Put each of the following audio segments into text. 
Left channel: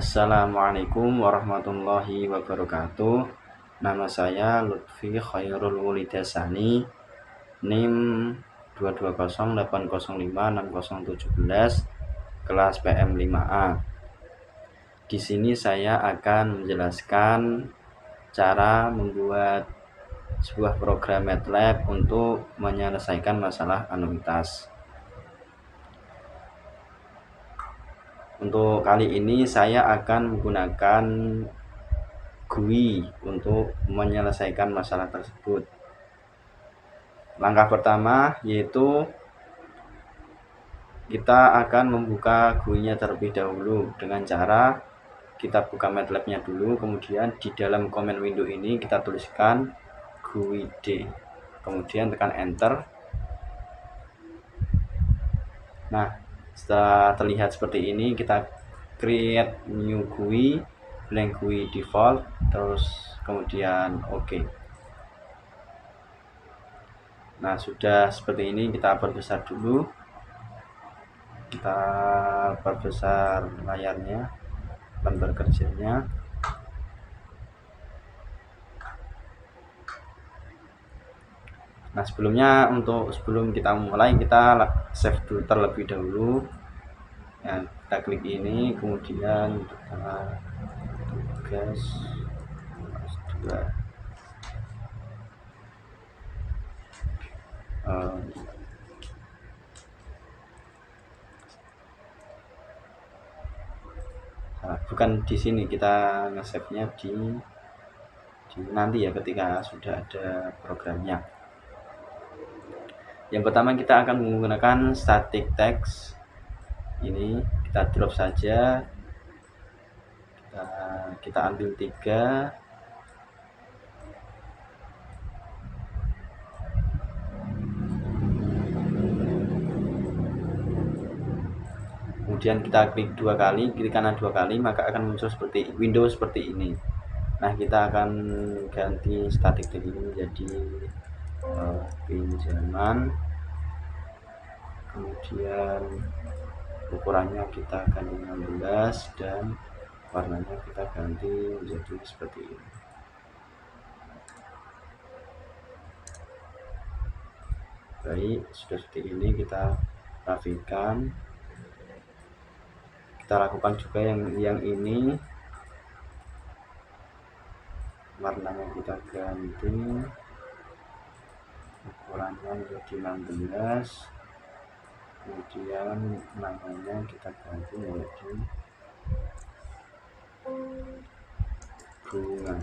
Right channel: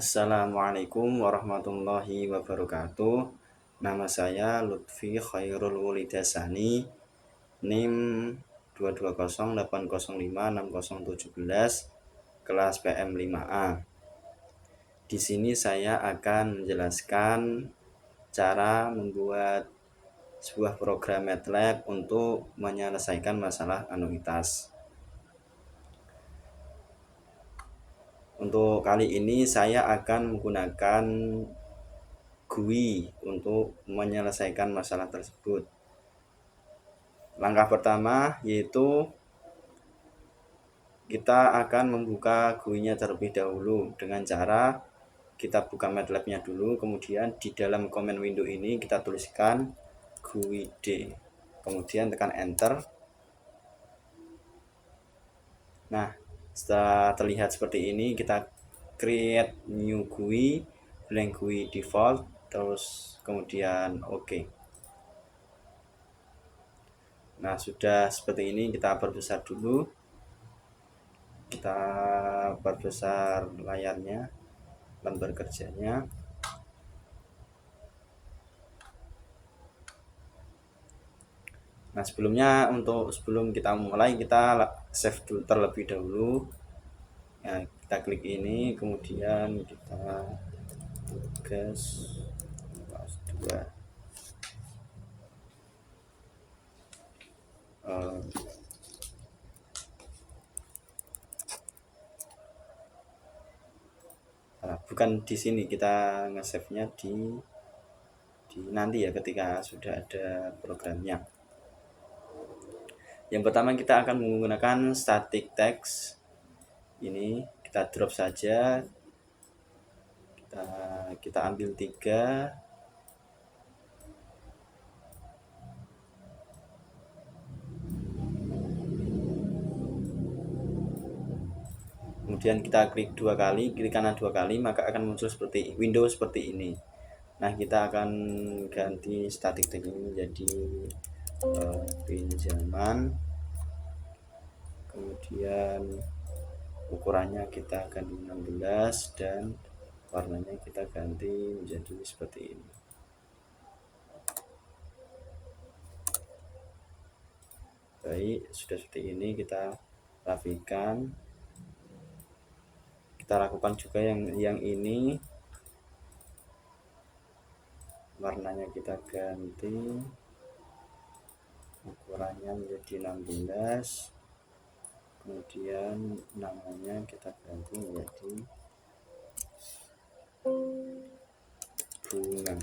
Assalamualaikum warahmatullahi wabarakatuh. Nama saya Lutfi Khairul Wulidasani, NIM 22080560711, kelas PM5A. Di sini saya akan menjelaskan cara membuat sebuah program MATLAB untuk menyelesaikan masalah anuitas. Untuk kali ini saya akan menggunakan GUI untuk menyelesaikan masalah tersebut. Langkah pertama yaitu kita akan membuka GUI-nya terlebih dahulu dengan cara kita buka MATLAB-nya dulu, kemudian di dalam command window ini kita tuliskan GUID, kemudian tekan enter. Nah, setelah terlihat seperti ini, kita create new GUI, blank GUI default, terus kemudian OK. Nah, sudah seperti ini, kita perbesar dulu, kita perbesar layarnya, lembar kerjanya. Nah, sebelum kita mulai, kita save dulu terlebih dahulu. Ya, kita klik ini, kemudian kita tugas 2. Bukan di sini, kita nge-save-nya di nanti ya, ketika sudah ada programnya. Yang pertama kita akan menggunakan static text. Ini kita drop saja, kita ambil 3, kemudian kita klik 2 kali, klik kanan 2 kali, maka akan muncul seperti Windows seperti ini. Nah, kita akan ganti static text ini menjadi pinjaman, kemudian ukurannya kita ganti 16 dan warnanya kita ganti menjadi seperti ini. Baik, sudah seperti ini, kita rapikan. Kita lakukan juga yang ini, warnanya kita ganti, ukurannya menjadi 16, kemudian namanya kita ganti menjadi bunga.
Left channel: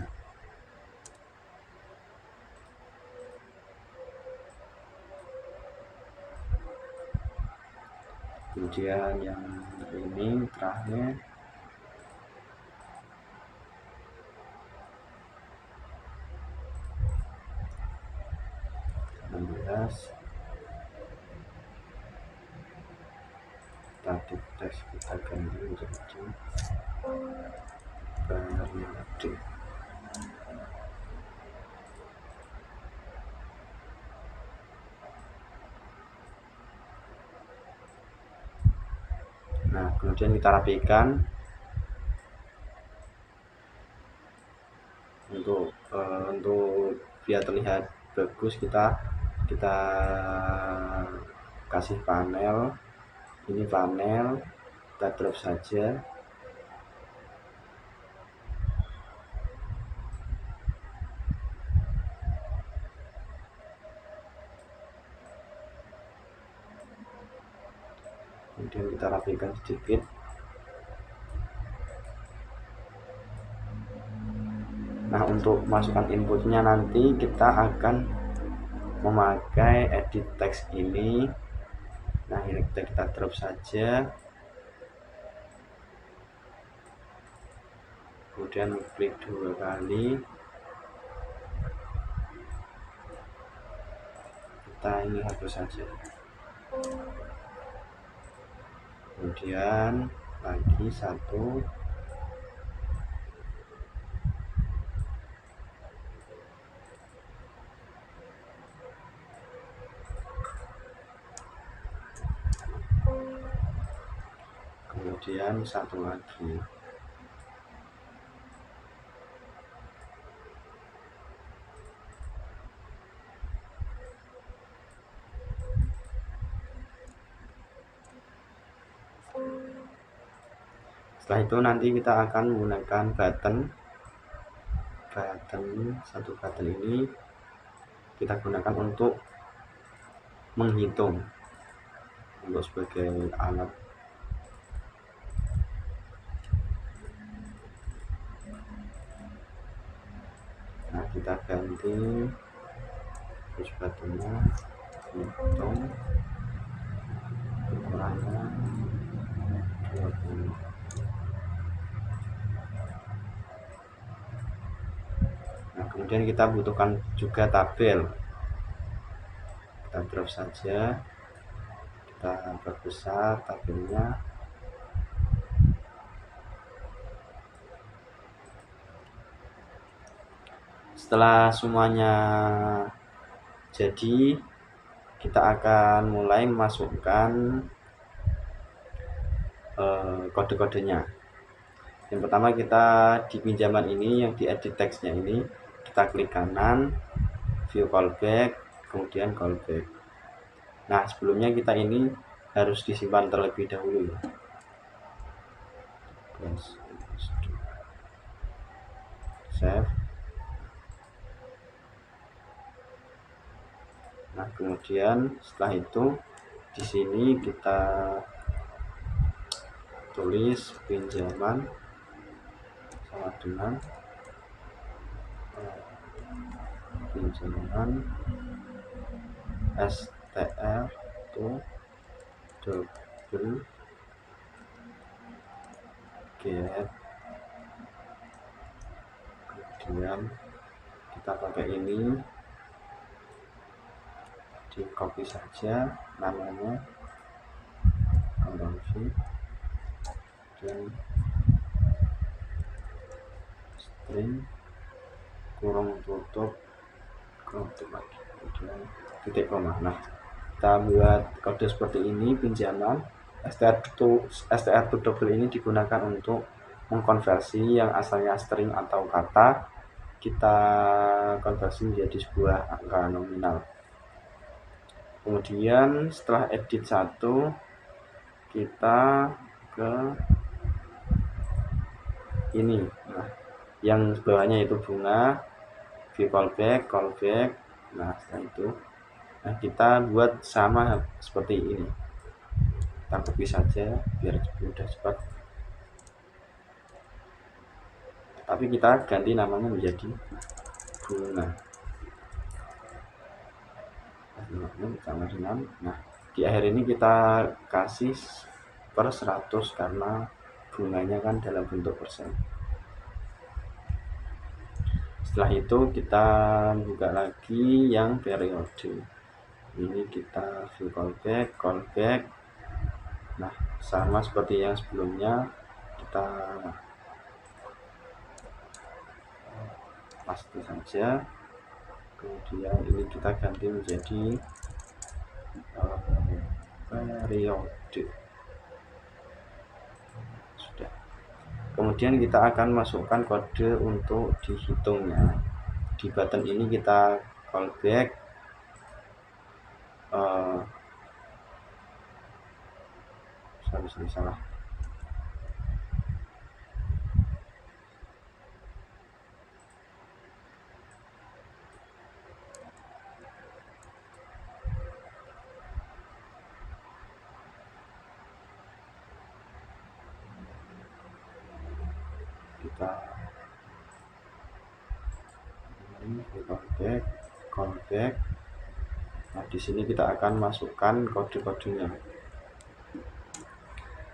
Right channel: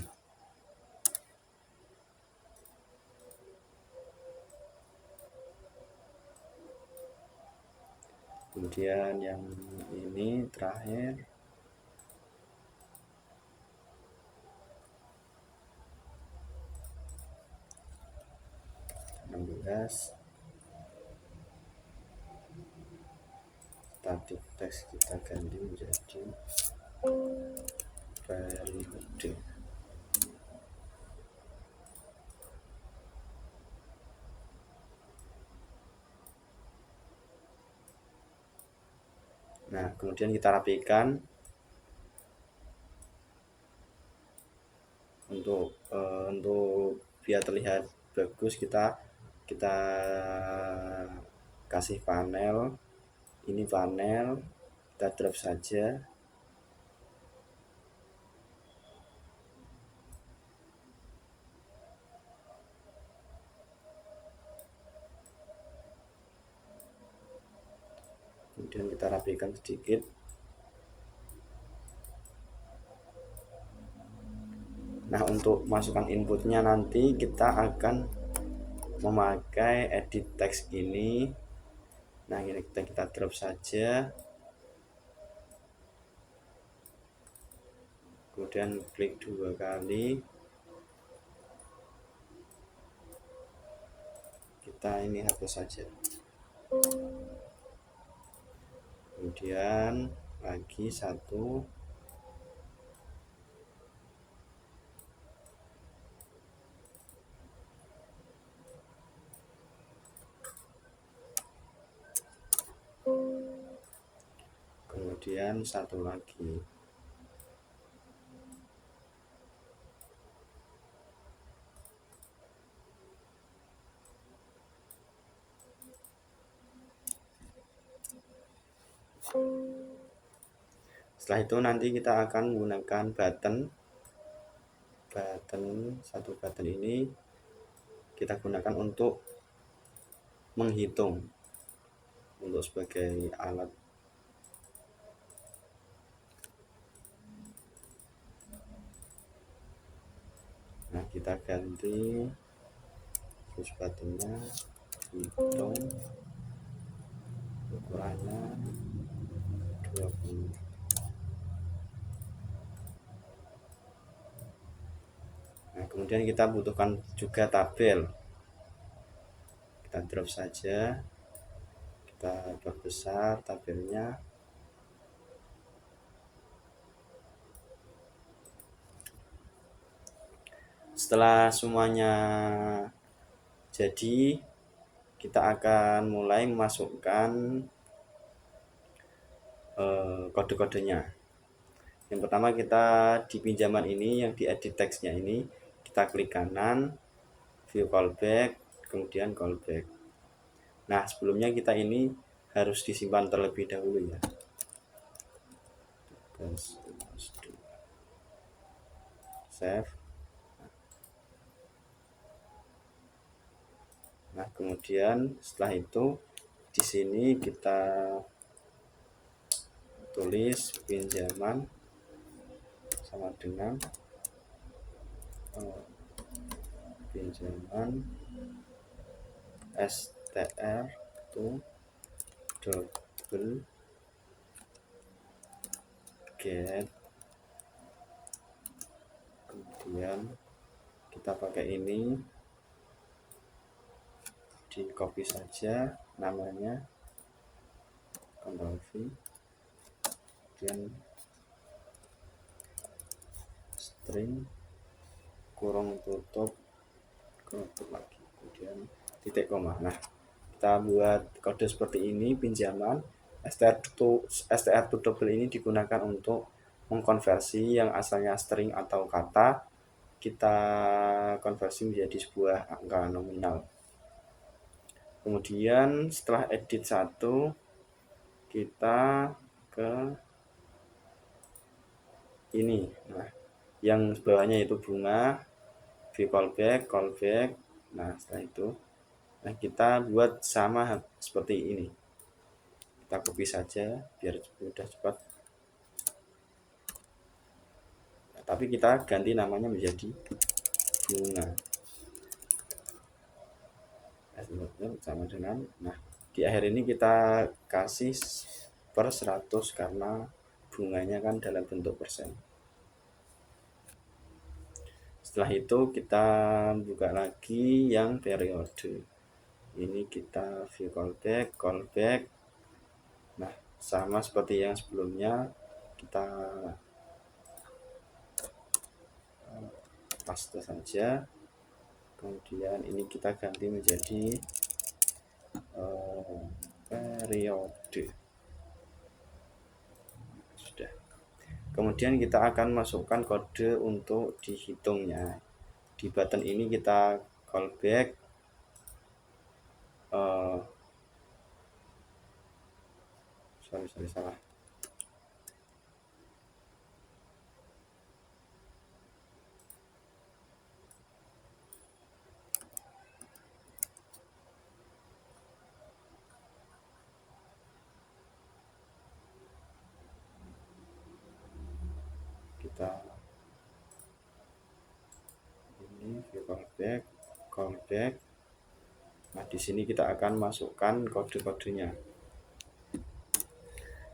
Kemudian yang ini terakhir, static text kita ganti menjadi periode. Nah, kemudian kita rapikan. Untuk biar terlihat bagus, kita kasih panel. Ini panel, kita drop saja. Kemudian kita rapikan sedikit. Nah, untuk masukkan inputnya nanti kita akan memakai edit text ini. Nah, ini kita drop saja, kemudian klik 2 kali, kita ini hapus saja, kemudian lagi 1, kemudian 1 lagi. Setelah itu nanti kita akan menggunakan button satu button ini kita gunakan untuk menghitung untuk sebagai alat. Nah, kita ganti push buttonnya, hitung ukurannya 20. Nah, kemudian kita butuhkan juga tabel. Kita drop saja, kita perbesar tabelnya. Setelah semuanya jadi, kita akan mulai memasukkan kode-kodenya. Yang pertama, kita di pinjaman ini yang di edit teksnya ini kita klik kanan, view callback, kemudian callback. Nah, sebelumnya kita ini harus disimpan terlebih dahulu ya. Save. Nah, kemudian setelah itu di sini kita tulis pinjaman sama dengan pinjaman str to double get, kemudian kita pakai ini, di copy saja namanya, Ctrl V, dan string kurung tutup lagi, kemudian titik koma. Nah, kita buat kode seperti ini. Pinjaman str to double ini digunakan untuk mengkonversi yang asalnya string atau kata, kita konversi menjadi sebuah angka nominal. Kemudian setelah edit 1, kita ke ini. Nah, yang bawahnya itu bunga, view callback. Nah, setelah itu kita buat sama seperti ini. Kita copy saja biar mudah cepat. Tapi kita ganti namanya menjadi bunga. Sama dengan, nah, di akhir ini kita kasih per 100 karena bunganya kan dalam bentuk persen. Setelah itu kita buka lagi yang periode. Ini kita view callback. Nah, sama seperti yang sebelumnya, kita paste saja. Kemudian ini kita ganti menjadi periode. Sudah. Kemudian kita akan masukkan kode untuk dihitungnya. Di button ini kita callback, salah. Kita ini callback. Nah, di sini kita akan masukkan kode-kodenya,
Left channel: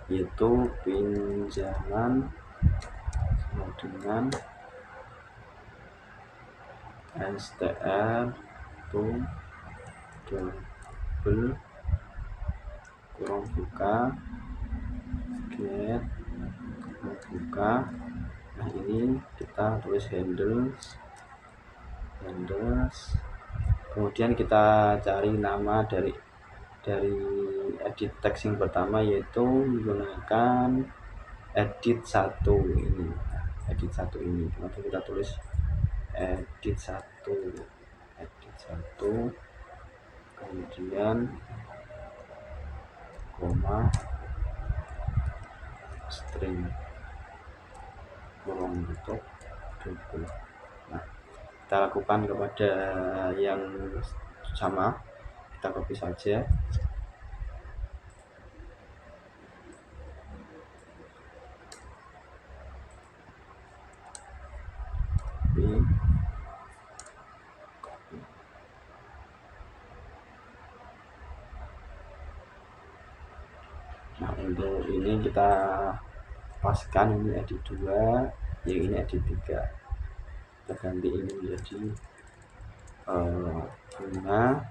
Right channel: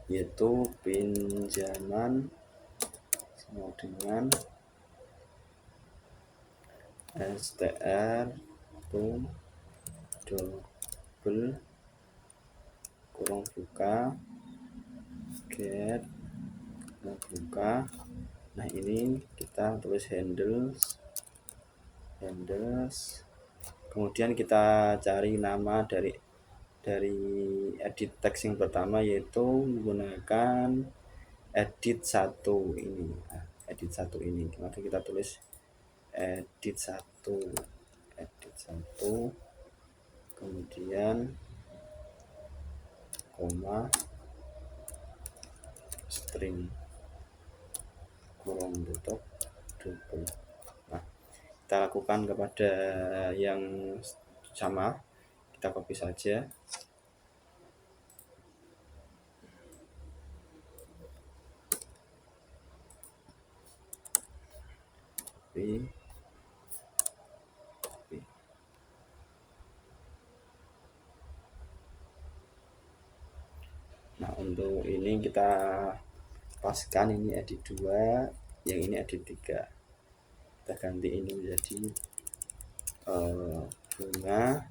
yaitu pinjaman sama dengan str to double kurung buka get buka. Nah, ini kita tulis handles. Kemudian kita cari nama dari edit teks yang pertama, yaitu menggunakan edit 1 ini. Nah, edit 1 ini kemudian kita tulis edit 1, kemudian koma, kurung tutup double. Nah, kita lakukan kepada yang sama, kita copy saja. Nah, untuk ini kita paskan, ini edit 2, yang ini edit 3. Kita ganti ini menjadi bunga,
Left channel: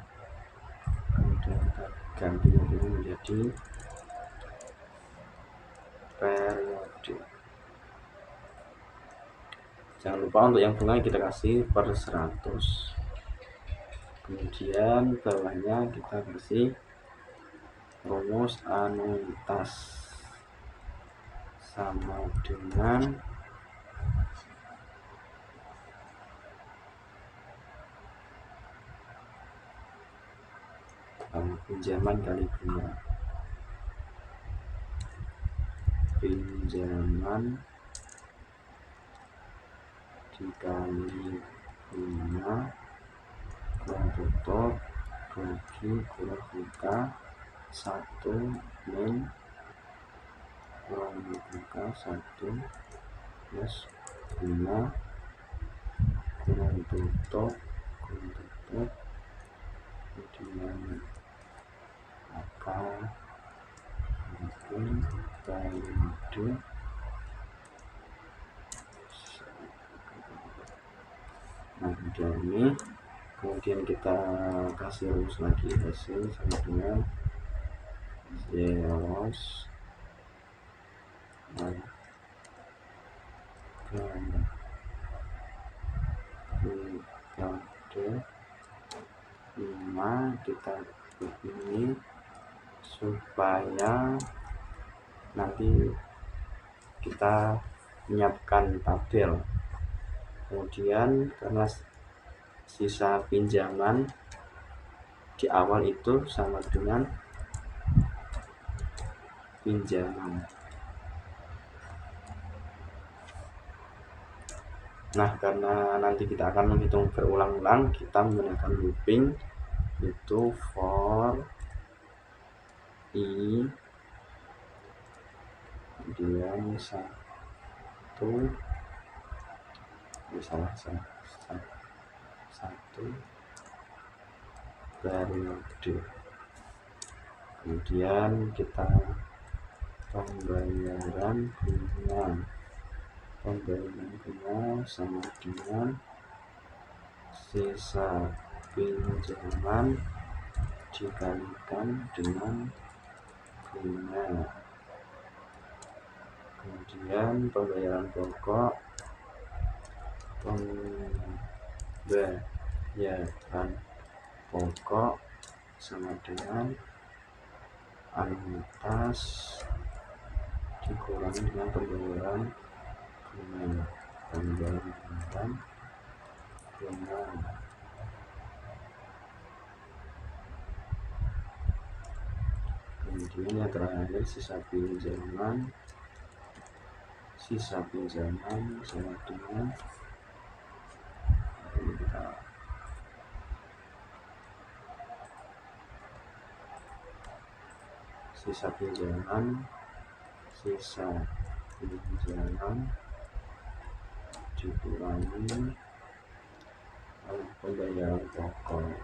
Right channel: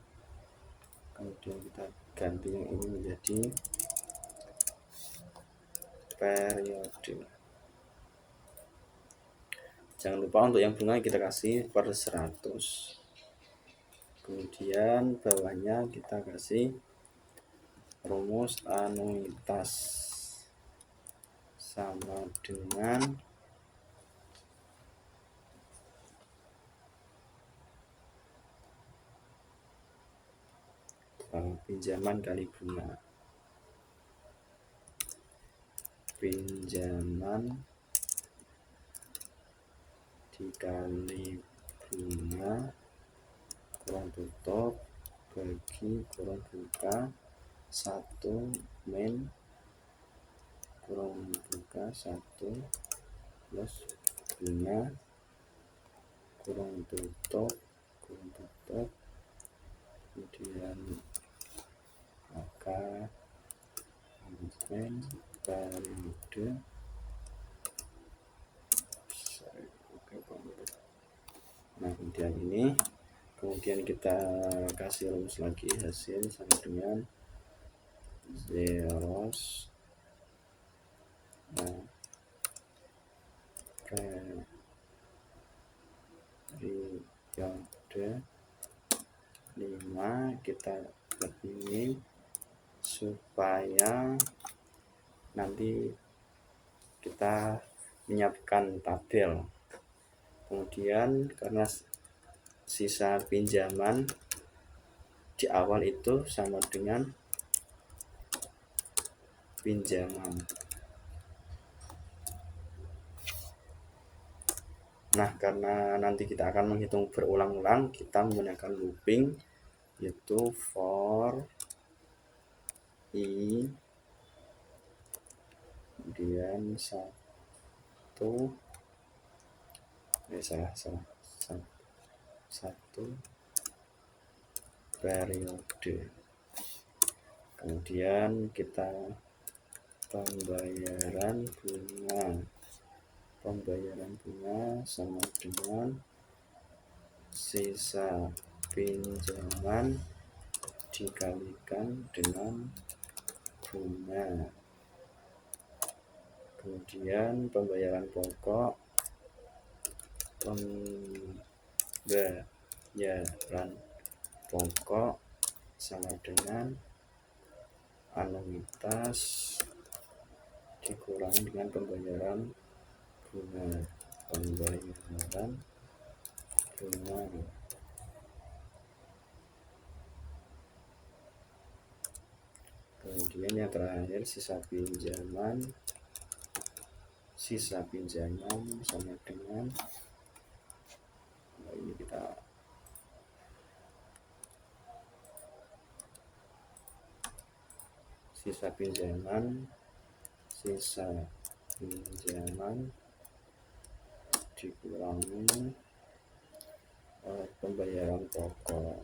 kemudian kita ganti ini menjadi periode. Jangan lupa untuk yang bunga kita kasih per 100. Kemudian bawahnya kita kasih rumus anuitas sama dengan pinjaman kali bunga. Pinjaman dikali bunga kurung tutup bagi kurung buka 1 min kurung buka 1 plus bunga kurung tutup kemudian angka periode. Nah, kemudian ini, kemudian kita kasih rumus lagi hasil sama dengan zeros periode 5. Kita buat ini supaya nanti kita menyiapkan tabel. Kemudian karena sisa pinjaman di awal itu sama dengan pinjaman. Nah, karena nanti kita akan menghitung berulang-ulang, kita menggunakan looping, yaitu for i, kemudian satu periode. Kemudian kita pembayaran bunga sama dengan sisa pinjaman dikalikan dengan bunga. Kemudian pembayaran pokok sama dengan anuitas dikurangi dengan pembayaran bunga. Kemudian yang terakhir sisa pinjaman sama dengan sisa pinjaman dikurangi pembayaran pokok.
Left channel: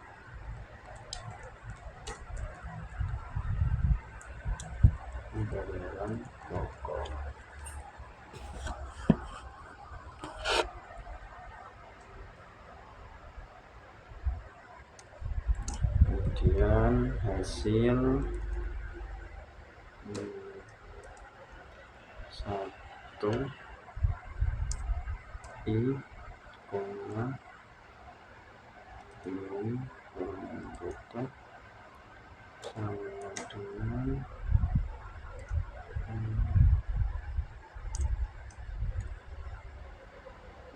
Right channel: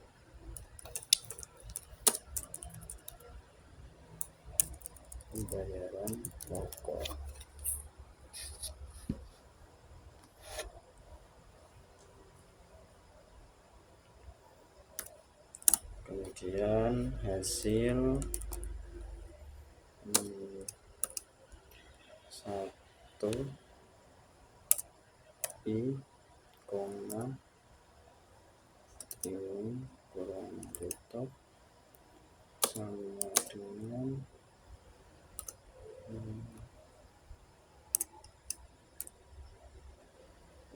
Kemudian hasil 1 i, ini kurung tutup sama dengan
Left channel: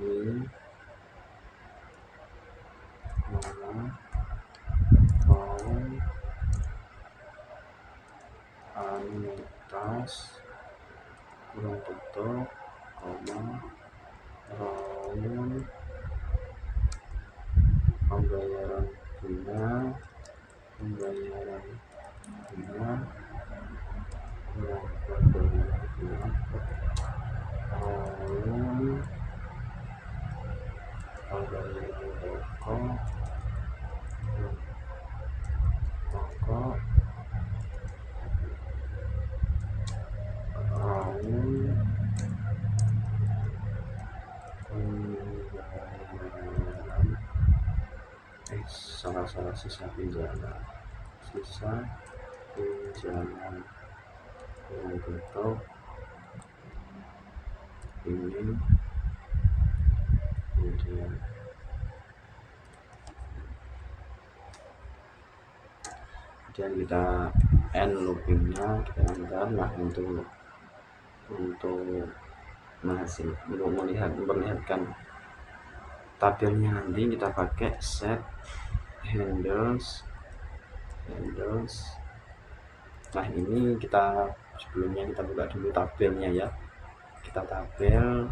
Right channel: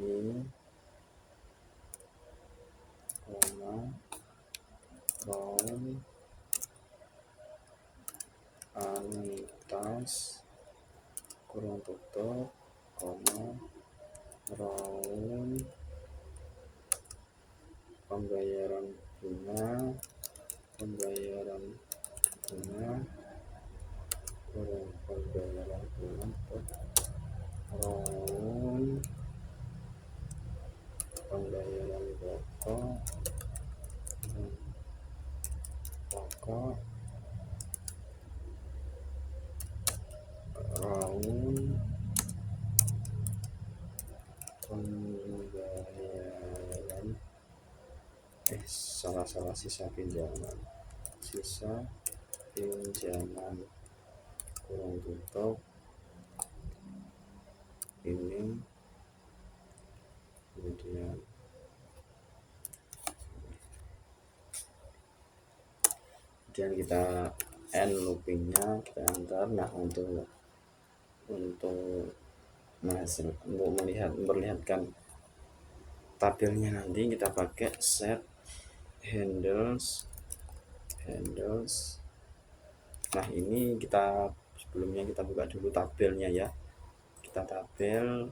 i, anuitas kurung tutup Round pembayaran bunga pembayaran bunga round pembayaran pokok round pembayaran salah sisa pinjaman uang tutup ini kemudian kita end loopingnya, kita enter. Nah untuk memperlihatkan tabelnya nanti kita pakai set handles. Nah ini kita sebelumnya kita buka dulu tabelnya ya, kita tabel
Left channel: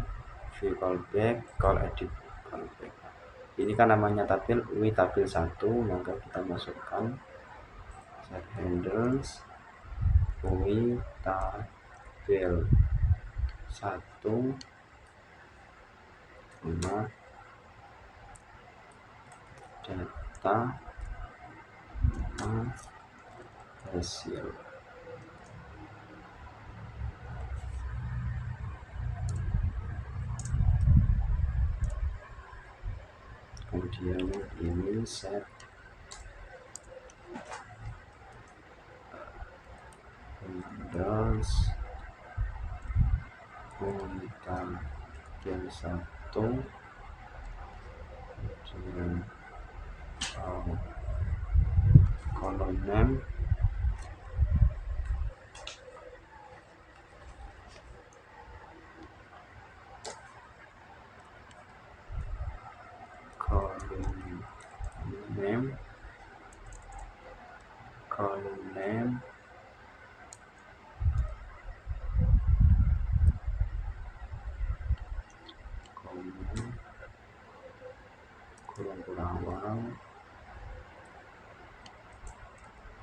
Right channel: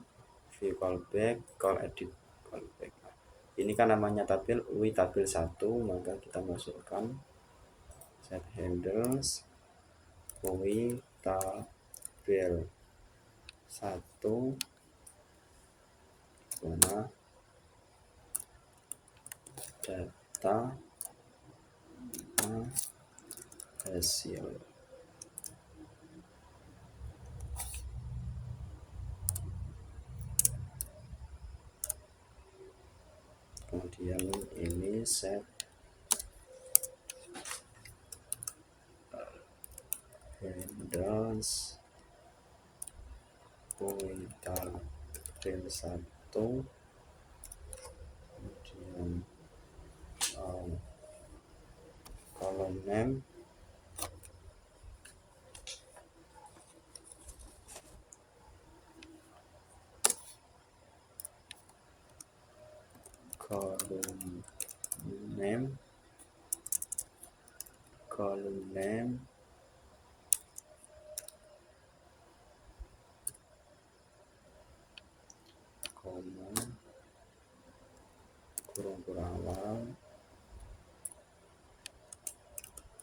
view callback, call edit callback. Ini kan namanya tabel tabel 1, maka kita masukkan set handles tabel 1, data hasil. Kemudian ini set handles tabel 1, kemudian column name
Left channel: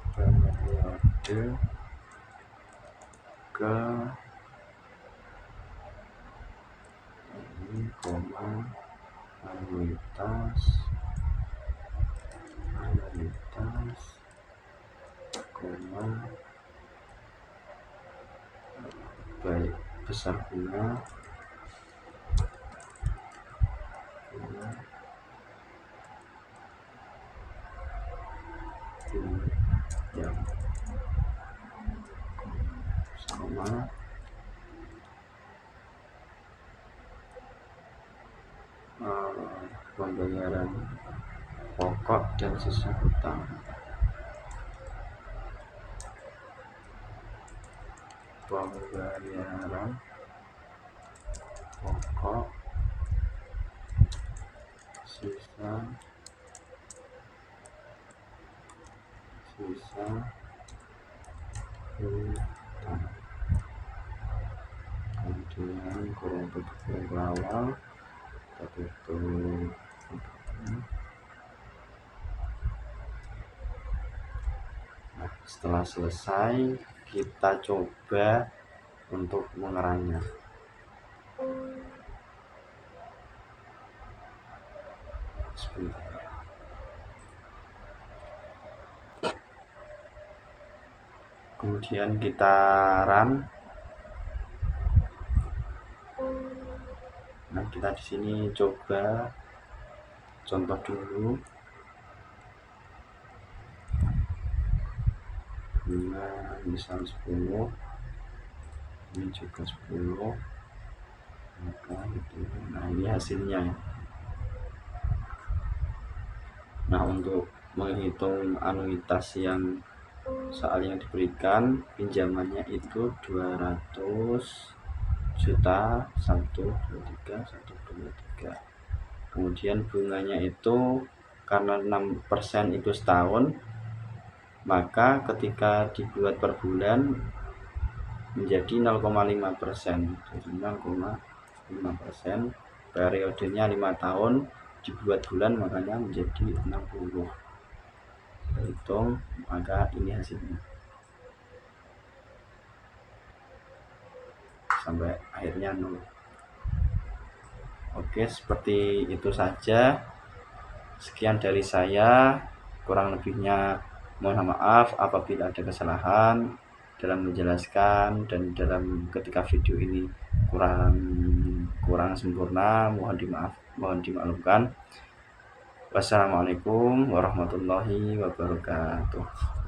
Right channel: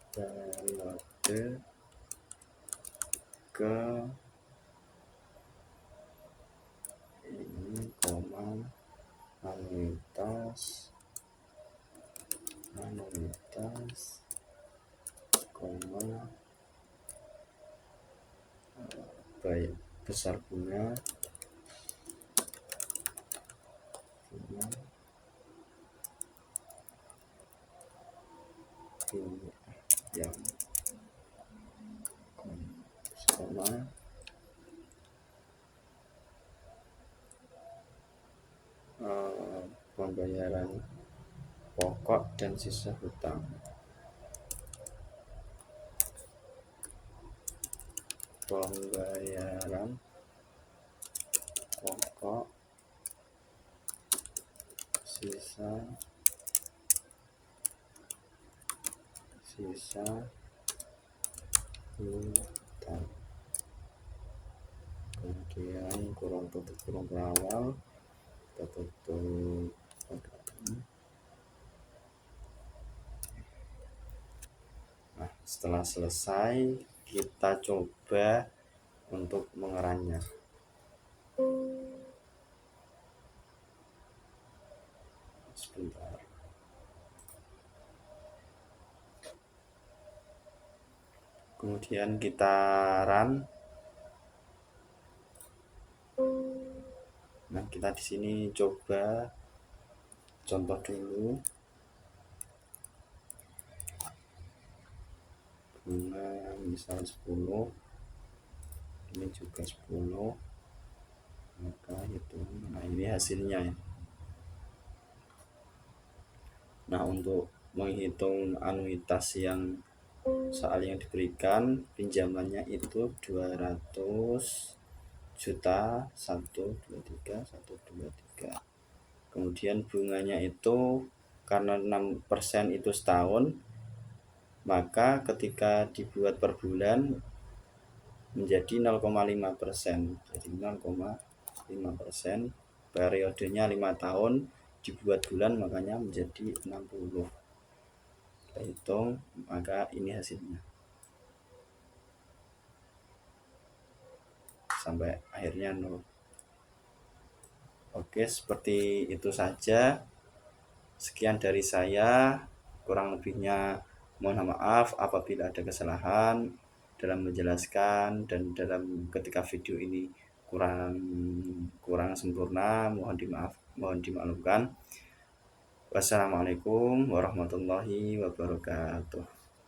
periode ke ini koma anuitas koma baik besar bunga yang koma pembayaran pokok dan sisa hutang. Pembayaran pokok sisa hutang. Kemudian kolom tutup awal kita tutup. Nah setelah selesai kita coba untuk mengeranya. Kemudian kita run. Nah kita di sini coba contoh dulu. Bunga misal 10, ini juga 10, maka itu. Nah ini hasilnya ya. Nah untuk menghitung anuitas yang soal yang diberikan, pinjamannya itu 200 juta 123. Kemudian bunganya itu karena 6% itu setahun, maka ketika dibuat per bulan menjadi 0,5%. Jadi 0,5%, periodenya 5 tahun, dibuat bulan makanya menjadi 60. Kita hitung, maka ini hasilnya sampai akhirnya 0. Oke, seperti itu saja. Sekian dari saya, kurang lebihnya mohon maaf apabila ada kesalahan dalam menjelaskan dan dalam ketika video ini kurang sempurna, mohon dimaklumkan. Wassalamualaikum warahmatullahi wabarakatuh.